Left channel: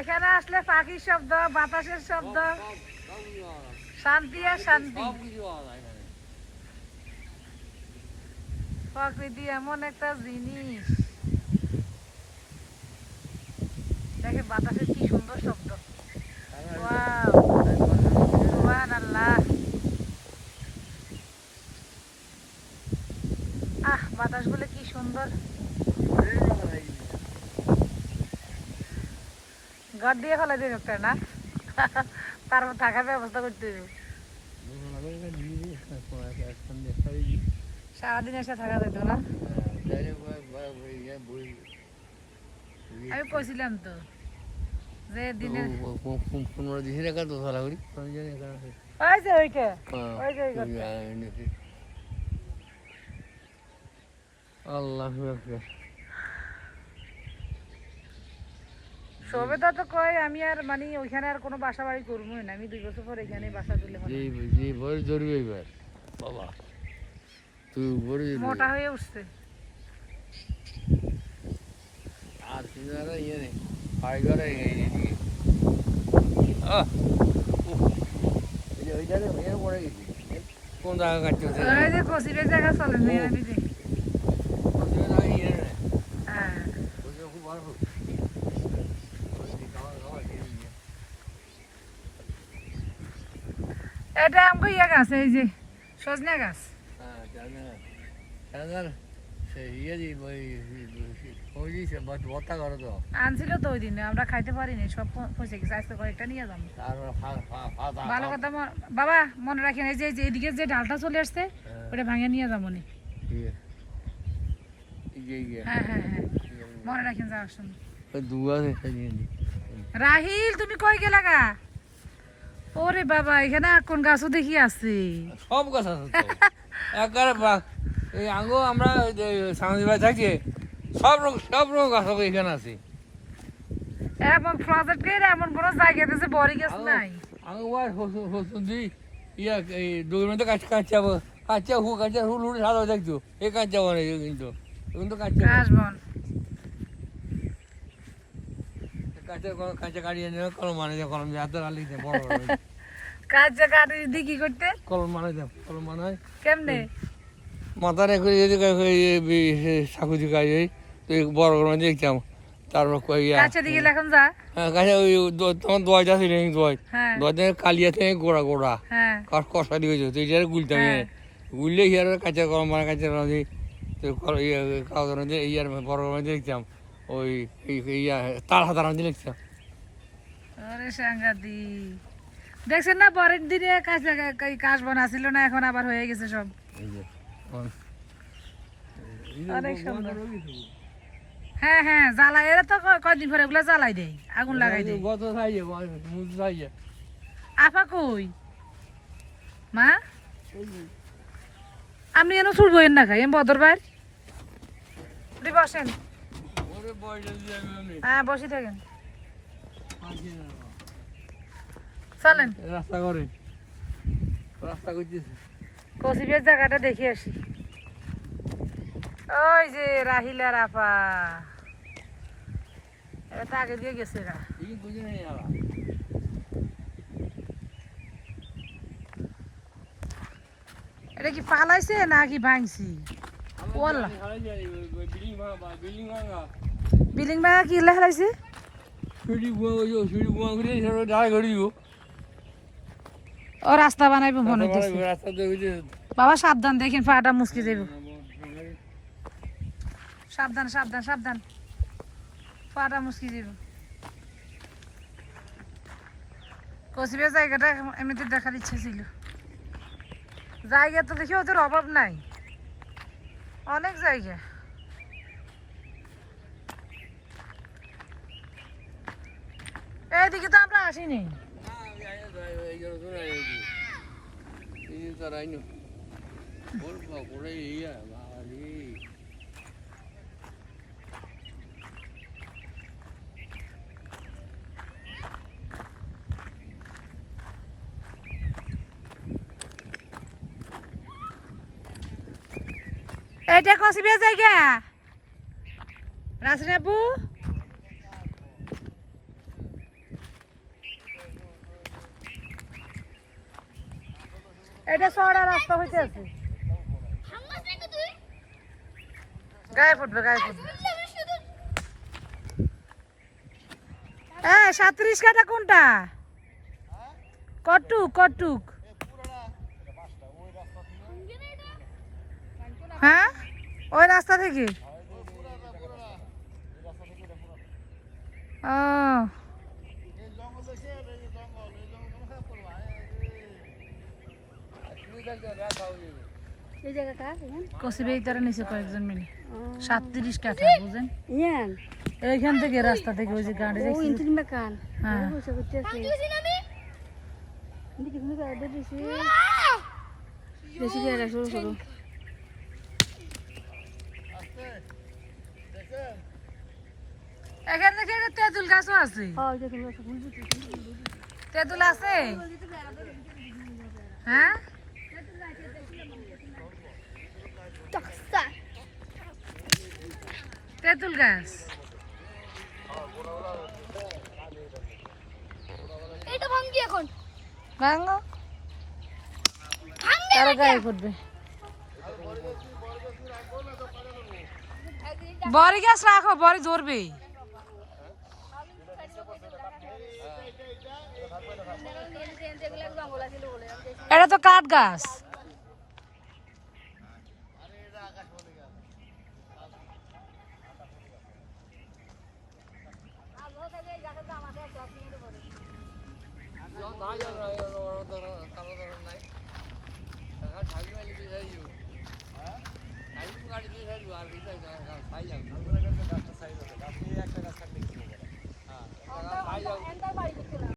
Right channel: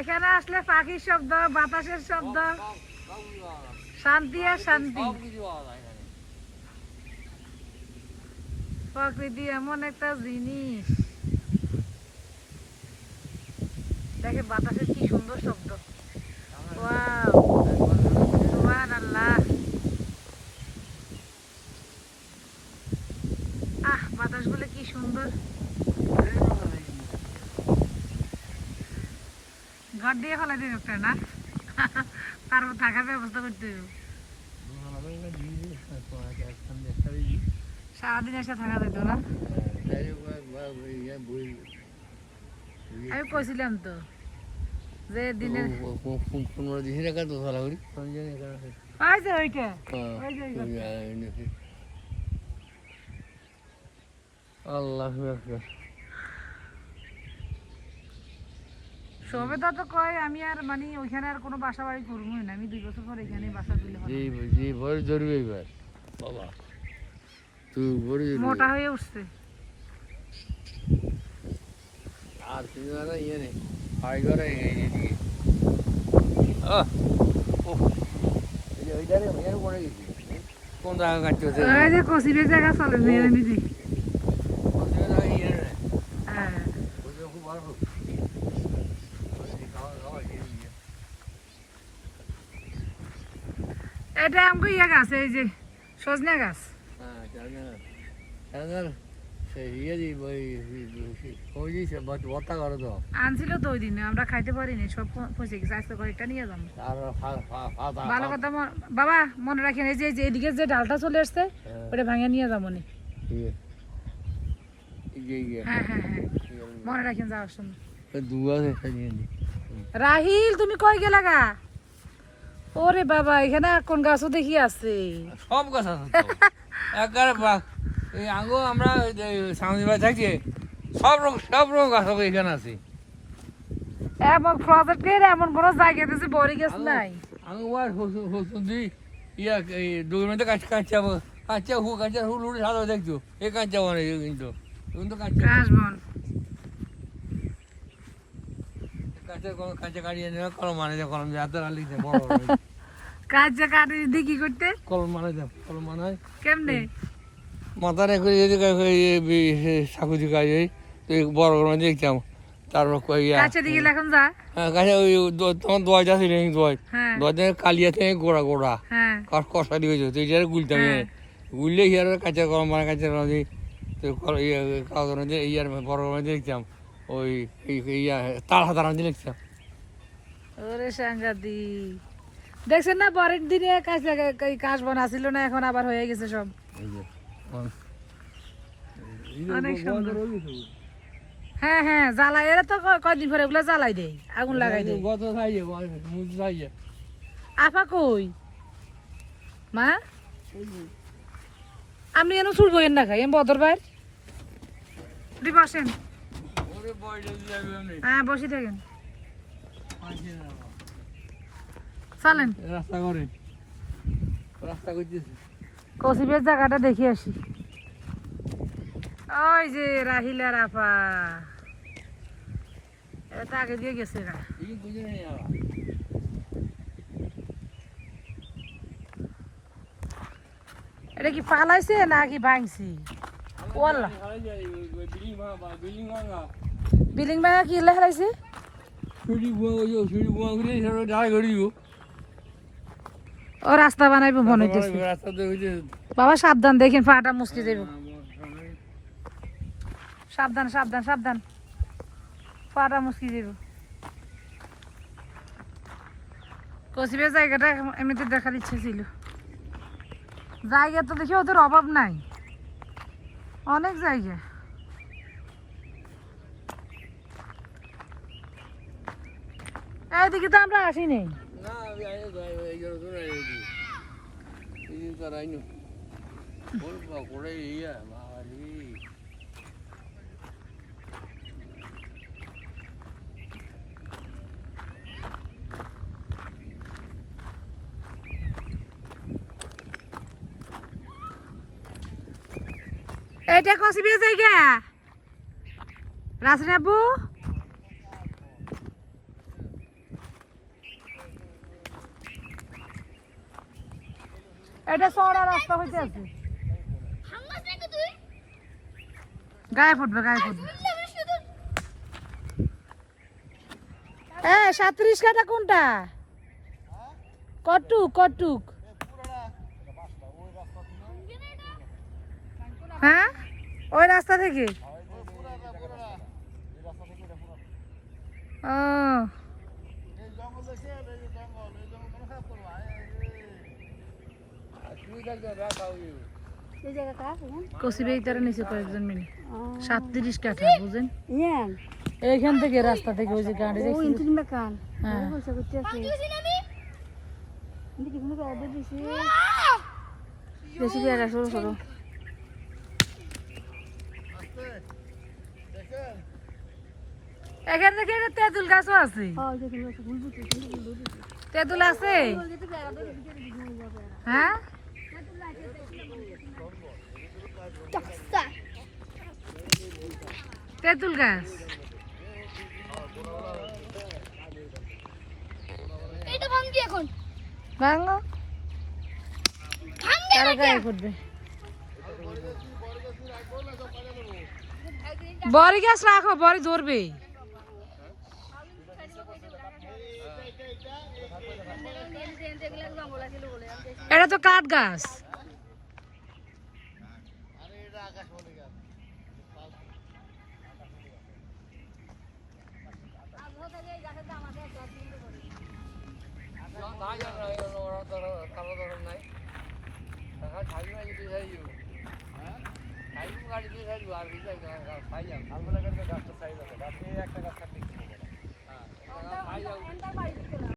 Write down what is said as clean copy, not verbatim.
এখানে আসলে পাখির শব্দ, বাতাসের শব্দ, শান্তি আর শান্তি। প্রকৃতি এমন একটা জিনিস, দেখেন বাতাসের কি সুন্দর শব্দ। বাতাস গুলো কি সুন্দর। ঘর দিয়ে ফেলা দিন একটা না, তারপর থাকার ব্যবস্থা করতে হবে। সারাদিন এসে থাকা যেত না। আমি কইছিলাম তো যে দিনে সবেদা তো কয় আমি আর মানে ওইখানে আর কোনো বাসা বাড়ি করবোই না, আমি 2 বছর পর এখানে বাসা তুলে বাবা মোটা হয়ে উঠছে। আর তুমি ইয়ে নেই বাড়ি ঘরে কোন জায়গা কাটছে কচিবের জায়গা চলে আমি দেখি। এটা আমাকে ইয়ে গাছ, এই যে সজনা গাছ। আনছিল তো ওই দিনে, আমরা খাইতে পারিনি, সব পয়সা গেছে। আজকে কয়েকটা নিয়ে যাবো। ভালো কথা বাবা মনে রাখেন, এই যে এদিকে যে ডালটা চলে আসছে ওটা ভাঙে নিয়ে যাবো নি। হ্যাঁ হ্যাঁ হ্যাঁ মনে রাখেন যাওয়ার সময়। রাহিল তুমি কই গেলা গা? ওরে বাবা এখানে কোন গাছও দেখি আছে, সব গাছ আছে এই আঙ্গো আমরা সাংবাদিক ভাই থাকি, সব রকম গাছ এখানে আছে। এমন প্রজেক্টের এমন বড় জায়গা দিয়েছে, বড়ি গাছ নাই। আঙ্গো হসুন্দি ইয়া এই দুই মিনিটে কাঁচা হুল সাদা দেখছো এই কাঁচা বনে কিন্তু কাশবন কাঁচা কাটিয়ে নেবে কলম মানে কলম হাতে লিখতে বড় কাঁচা কাটি দিয়ে কি করতে? কলম মানে কেমনে মাথা রেখে যদি সাকু দিকে তো বড় করে দেখতাম। তারপর হ্যাঁ কাছে ওই তোমার দোয়াটা ছিল দোয়াতে কালিয়া থেকে গোড়া কষা দিয়ে তো এটা গুলতাম গুললে ইয়ার কাঁচা কলম মানে কাঁচা কলম দিয়ে ইয়ার বড় করে দেখতাম। ওই ইয়া তার হাতার দিয়ে লিখতাম। দেখছেন না পরের দিনে কাশ বনা ছিল না, এখন আবার হয়ে গেছে সব। অনেক সুন্দর। হ্যাঁ হ্যাঁ জ্বালাই, এরা তো কয়দিন পরে ওগুলা জ্বালাই দেয়, আগুন লাগাই দেয়। আপা কই মা? আমি এনে ছুটবো এর না খাই এম বদর ভাই বসেন। হ্যাঁ বসে থাকেন, চলেন রাস্তা করতেছে। কসিবের জায়গাটা দেখে আসি। ওই যে রাহিলার আপা, এটা আগে দিয়ে গেছে না। এটা কি পালাইছে নাকি ভাঙছি? বিল্ডিং ভাঙা কি লেখাইছে? ও রাস্তা বানাইবো মনে হইতেছে। বাবা সাবধান, দেখেন পাটা মুসকি যাবে। সাবধান সাবধান সাবধান, পাটা মুসকি যাবে। কসিবের জায়গাটা এমনিতে দেখার ইচ্ছে ছিল। জায়গা তো দেখি ওদের অভাব নাই, অনেক জায়গা। এইদিকে তো আমরা আসিনি। এটা কসিবের জায়গা রাসনাবু। এটা চড়া রাস্তা হইতে আছে গায়ে ফুটবে হ্যাঁ 37 কাটা কোনটা কটুক হ্যাঁ ওই রাস্তা থেকে কসিবেইটারে নিচে কয়েকজন মিলে 37 কাঠা বুঝেন এইখান থেকে রাস্তা থেকে ওই যে গাড়ি দেখছি হ্যাঁ বেশি জায়গা সরু সরু এখান থেকে একটা তেঁতুল গাছও আছে তেঁতুল আছে হ্যাঁ তেঁতুল গাছ এটা ভাঙি এখন ভাঙো তার গায়ে ফুটবে বড়ি গাছ রাখো বড়ি ধরবে এটা তো কাঠ গাছ আর